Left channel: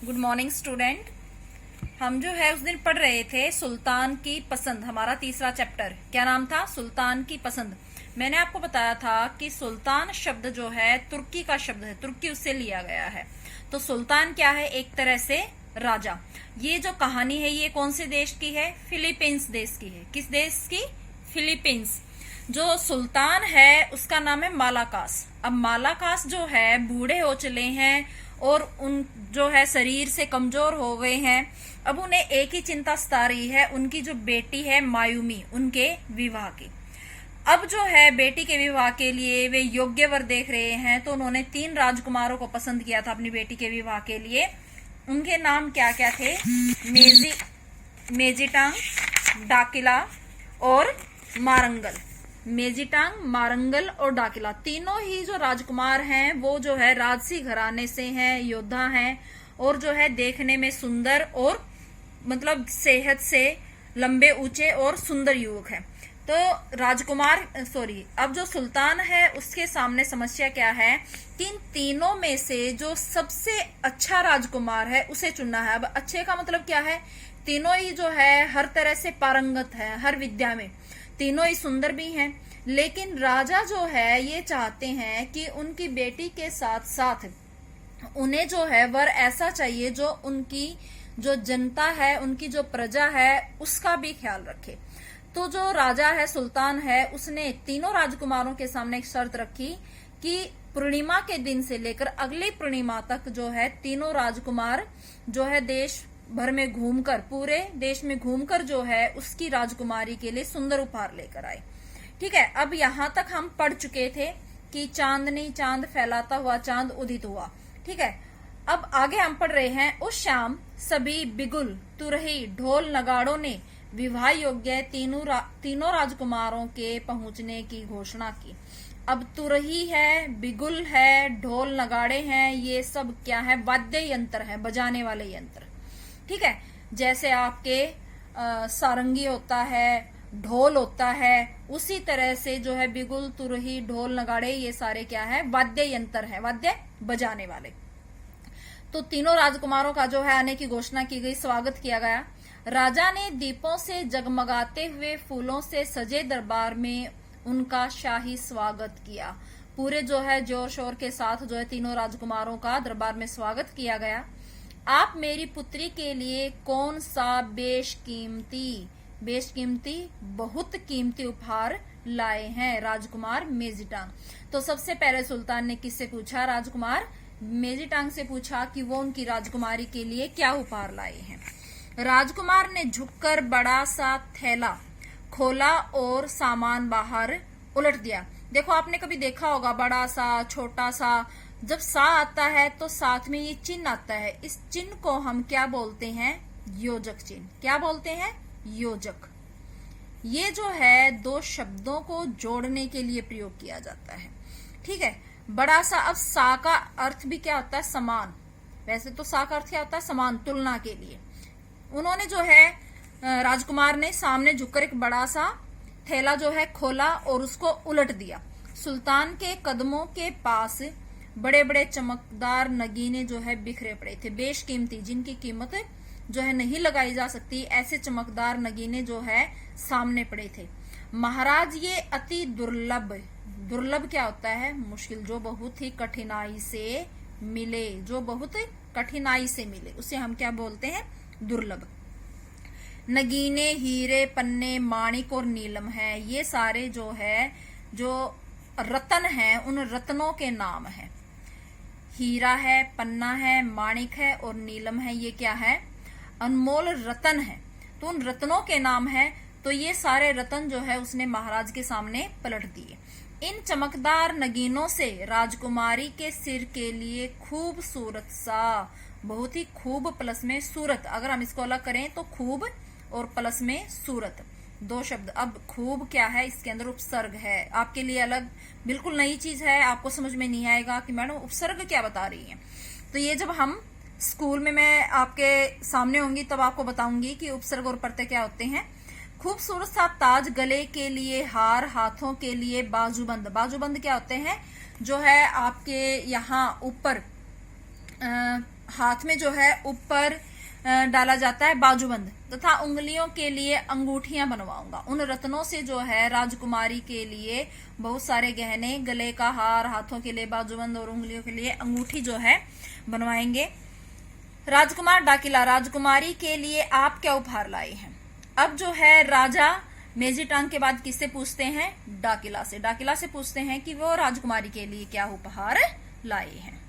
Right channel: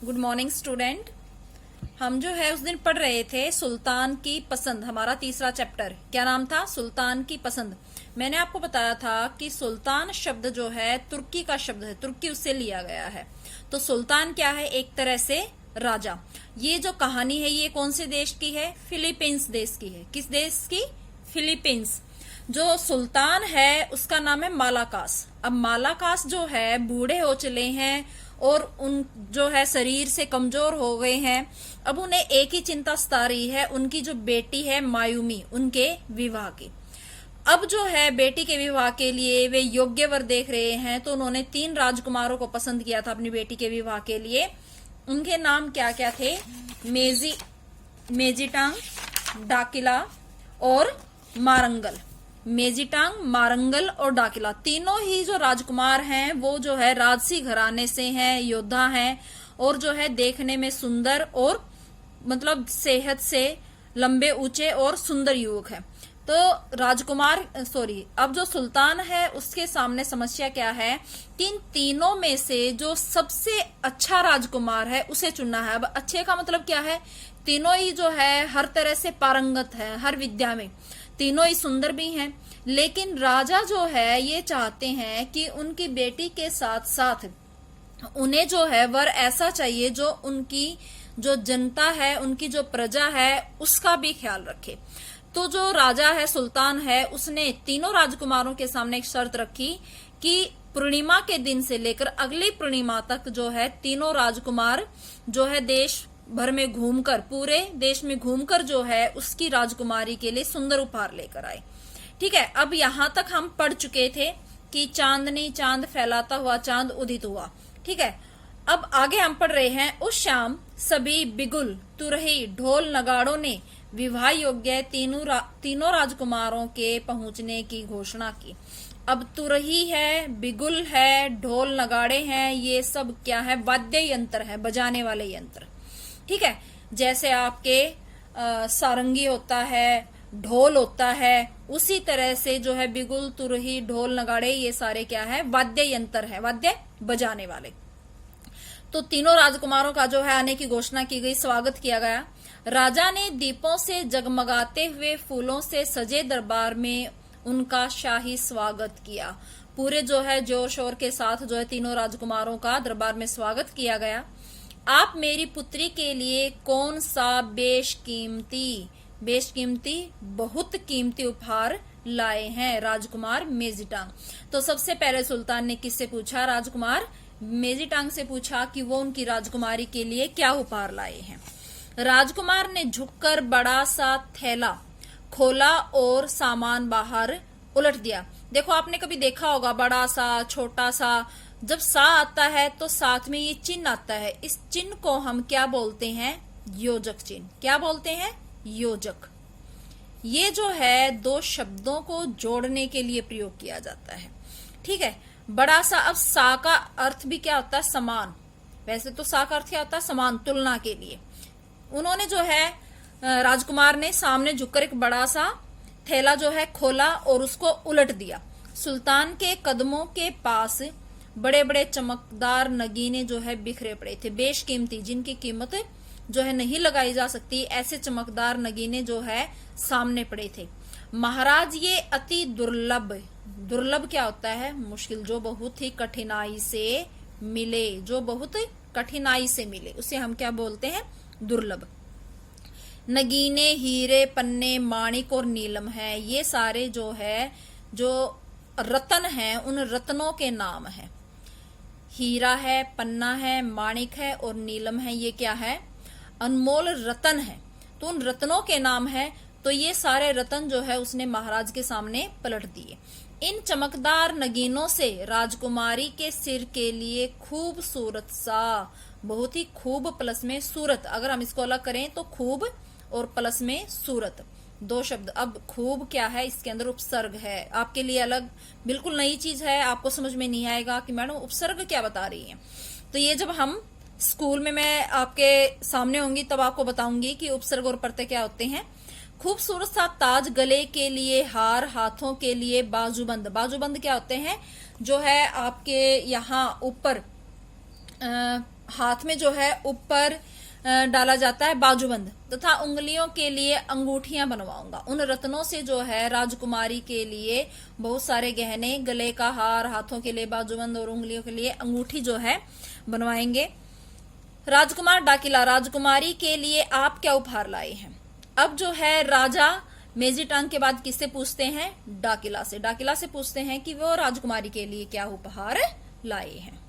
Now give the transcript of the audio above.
Good morning student. हम जो है उस दिन पढ़ रहे थे सुल्तान की पसंद, हमारा तीसरा चैप्टर। क्या नाम था? सुल्तान की पसंद। मैंने आपको बताया था कि सुल्तान शब्द जो है तुर्की का शब्द है, तुर्की उससे लिया गया है। तो सुल्तान क्या है? एक तरह से राजा। ये जो कहानी है ये कौन से देश की है? फिलीपींस देश की है। किस देश की? फिलीपींस। जो सुल्तान है उसका नाम है मालाकास। अब मालाकास जो है बूढ़े हो चले हैं और उन जो है शरीर से कमजोर हो गए हैं। अब उन्हें एक ही चिंता सता रही है, उनकी जो बेटी है मायूमी, उनके विवाह की। अब जो है बेटी के विवाह के लिए वे योग्य वर देख रहे हैं, तो उन्होंने 3 राजकुमारों को पसंद किया था अपनी बेटी के विवाह के लिए। उनके नाम क्या क्या थे? मेजिटांग, डाकिला और मारंगल। मेजिटांग, मारंगल और डाकिला, तीनों ही जो राजकुमार हैं वो जो है राजसी घराने से हैं, योद्धा हैं और जो है देखने में सुंदर और मतलब सेहत से लंबे, ऊंचे और सुंदर युवक हैं। तो अब जो सुल्तान है उसके सामने समस्या क्या है कि इन तीनों में से जो सबसे अच्छा राजकुमार है उसे चुनना है। अब अच्छे का मतलब क्या है? तीनों ही जो है हर तरह से पारंगत है, हर विद्या में। तीनों ही सुंदर भी हैं, लेकिन राजा जो है ये चाहते हैं कि उनकी बेटी के साथ साथ उन्हें जो है वर ऐसा चाहिए जो उनकी जो जनता है, उनकी जो प्रजा है उसका भी ख्याल रखे। तो जो राजा है, सुल्तान है, उसने तीनों राजकुमारों के सामने एक शर्त रखी कि पूर्णिमा के दिन से लेकर अगली पूर्णिमा तक जो है तीनों राजकुमार जो है देश भर में घूमकर, पूरे देश में घूमकर जो है उसकी राजकुमारी के लिए सुंदर उपहार लेकर आए। ठीक है, अब यहां तक हम पढ़ चुके थे कि चांदनी चांद फैलाता हुआ चांद उदित हुआ। ठीक है, अब आगे हम पढ़ रहे हैं। उस शाम सभी बिगुल, तुरही, ढोल नगाड़ों ने विवाह योग्य तीनों राजकुमारों के पहुंचने की घोषणा की। अब तुरही है, बिगुल है, ढोल नगाड़े हैं, ये सब क्या है? वाद्य यंत्र है, बजाने वाले यंत्र। ठीक है, जैसे आपके सारंगी होता है, ढोल होता है, उसी तरह से जो है बिगुल, तुरही, ढोल नगाड़े, ये सारे क्या है? वाद्य यंत्र है, वाद्य बजाने वाले। तो तीनों राजकुमारों का जो है आने की घोषणा की गई, स्वागत किया गया। राजा ने दीपों से जगमगाते हुए फूलों से सजे दरबार में उनका शाही स्वागत किया। पूरे जो है जोर शोर के साथ जो है तीनों राजकुमारों का दरबार में स्वागत किया गया। आप मेरी पुत्री के लिए कौन सा बेशकीमती बहुत कीमती उपहार लाए हैं? राजकुमार मेजिटांग। तो सबसे पहले सुल्तान ने किससे पूछा? राजकुमार मेजिटांग से पूछा कि वो उनकी राजकुमारी के लिए क्या उपहार लाए हैं। राजकुमार ने झुककर बड़ा सा थैला खोला और सामान बाहर उलट दिया। देखो, आपने कभी देखा होगा बड़ा सा, छोटा सा, जब सा आता है तो साथ में ये चिन्ह आता है। इस चिन्ह को हम क्या बोलते हैं? योजक चिन्ह। क्या बोलते हैं? योजक। ये जो है 2 शब्दों को जोड़ने के लिए प्रयोग किया जाता है। ठीक है, बड़ा सा। अब सा का अर्थ भी क्या होता है? समान। वैसे तो सा का अर्थ क्या होता है? समान, तुलना के लिए। उन्होंने जो है राजकुमार ने सामने झुककर एक बड़ा सा थैला जो है खोला और उसको उलट दिया। सुल्तान के कदमों के पास बड़े बड़े चमकदार नगीने जो है बिखरे पड़े थे, बेशकीमती, जिनकी कीमत जो है नहीं लगाई जा सकती, ऐसे चमकदार नगीने जो है सामने पड़े थे। महाराज, ये अति दुर्लभ क्या होता है? मुश्किल, जो बहुत ही कठिनाई से मिले, जो बहुत कठिनाई से मिले उसे हम क्या बोलते हैं? दुर्लभ। नगीने हीरे, पन्ने, माणिक और नीलम है। ये सारे जो है जो रत्न हैं उन रत्नों के नाम है। हीरा है, पन्ना है, माणिक है और नीलम है। ये क्या है? अनमोल रत्न है। तो उन रत्नों के नाम है। तो ये सारे रत्न जो है उसने महाराज के सामने पलट दिए। इन चमकदार नगीनों से राजकुमारी के सिर के लिए खूबसूरत सा, बहुत ही खूब प्लस में सूरत, अगर हम इसको अलग करें तो खूब और प्लस में सूरत, 2 शब्द। अब खूब क्या है? इसके अंदर उपसर्ग है, आपके लिए अलग बिल्कुल नई चीज है, आपको समझ में नहीं आएगा कि मैडम उपसर्ग क्या बता रही है। तो ये जब हम स्कूल में मैं आपके सामने होंगी तब आपको बताऊंगी कि उपसर्ग और प्रत्यय क्या होते हैं। खूबसूरत सा ताज, गले के लिए हार, हाथों के लिए बाजूबंद। बाजूबंद क्या होते हैं? जो है आपके यहाँ ऊपर हाथ में जो है ऊपर डाला जाता है बाजूबंद, तथा उंगलियों के लिए अंगूठियां बनवाऊंगा। उन रत्नों से जो है राजकुमारी के लिए बहुत सारे गहने, गले का हार, हाथों के लिए बाजूबंद और उंगलियों के लिए अंगूठी जो है बनवाएंगे। राजकुमार डाकिला, राजकुमारी के लिए आप क्या उपहार लाए हैं? अब जो है राजा मेजिटांग के बाद किससे पूछते हैं? डाकिला से। डाकिला से पूछते हैं कि वो राजकुमारी के लिए क्या उपहार लाए हैं।